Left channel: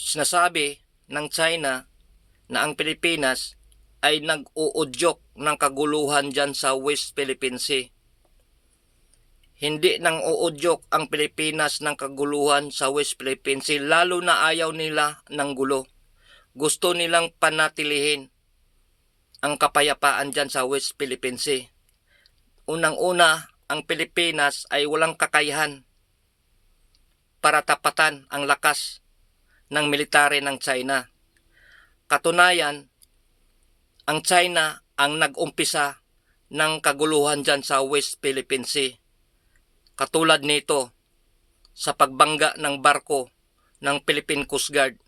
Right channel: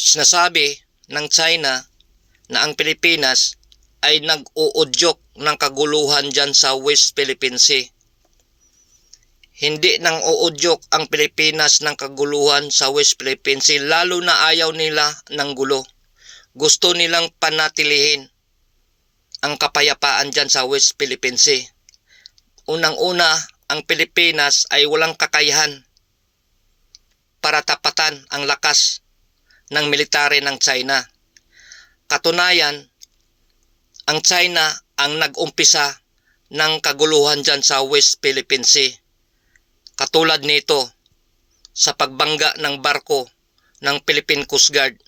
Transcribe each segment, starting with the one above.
Sinasabi ng China na ang Pilipinas ay nag-uudyok ng kaguluhan dyan sa West Philippine Sea. Hindi nang uudyok ang Pilipinas ng kaguluhan sa West Philippine Sea lalo na ayaw nila ng gulo. Gusto nilang panatilihin ang kapayapaan dyan sa West Philippine Sea. Unang-una, ang Pilipinas ay walang kakayahan para tapatan ang lakas ng military ng China. Katunayan, ang China ang nag-umpisa ng kaguluhan dyan sa West Philippine Sea. Katulad nito sa pagbangga ng barko ng Philippine Coast Guard,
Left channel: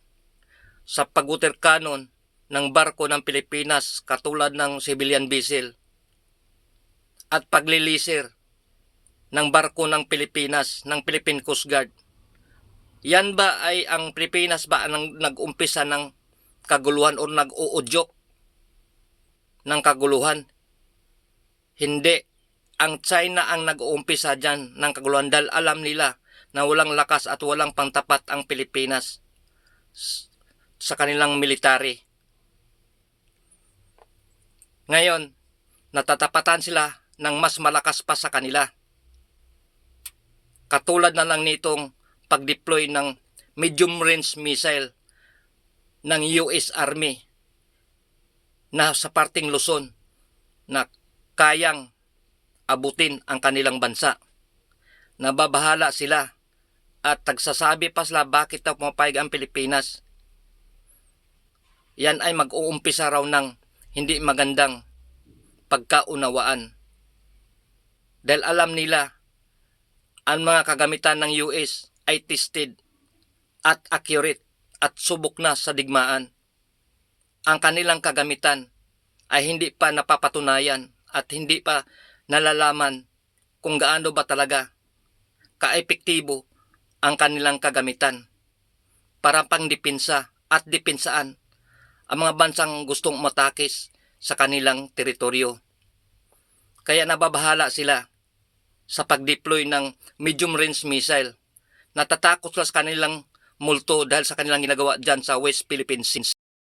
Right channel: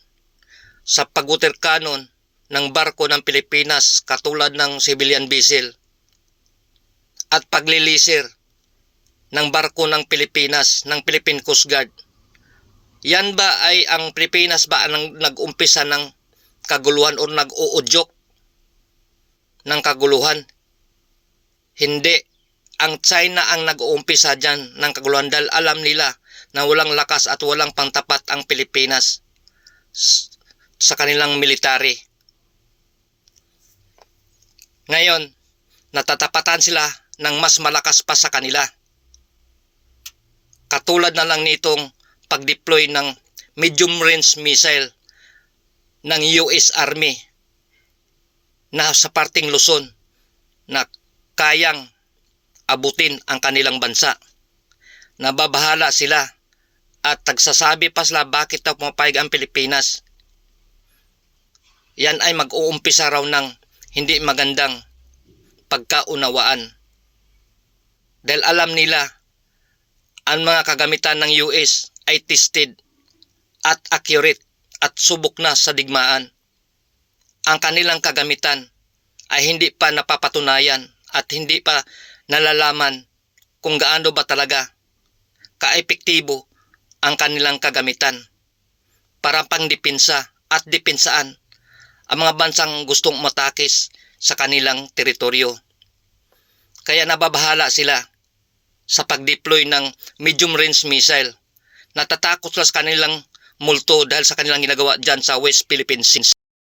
sa paguterkanon ng barko ng Pilipinas katulad ng civilian vessel, at paglilisir ng barko ng Pilipinas, ng Philippine Coast Guard. Yan ba ay ang Pilipinas ba ang nag-umpisa ng kaguluhan o nag-uudyok ng kaguluhan? Hindi. Ang China ang nag-uumpisa dyan ng kaguluhan dahil alam nila na walang lakas at walang pangtapat ang Pilipinas sa kanilang military. Ngayon, natatapatan sila ng mas malakas pa sa kanila. Katulad na lang nitong pag-deploy ng medium range missile ng US Army na sa parting Luzon na kayang abutin ang kanilang bansa. Nababahala sila at tagsasabi pa sila bakit daw pumapayag ang Pilipinas. Yan ay mag-uumpisa raw ng hindi magandang pagkaunawaan. Dahil alam nila ang mga kagamitan ng US ay tested at accurate at subok na sa digmaan. Ang kanilang kagamitan ay hindi pa napapatunayan at hindi pa nalalaman kung gaano ba talaga kaepektibo ang kanilang kagamitan para pangdipinsa at dipinsaan ang mga bansang gustong matakis sa kanilang teritoryo. Kaya nababahala sila sa pag-deploy ng medium range missile. Natatakot sila sa kanilang multo dahil sa kanilang ginagawa dyan sa West Philippine Sea.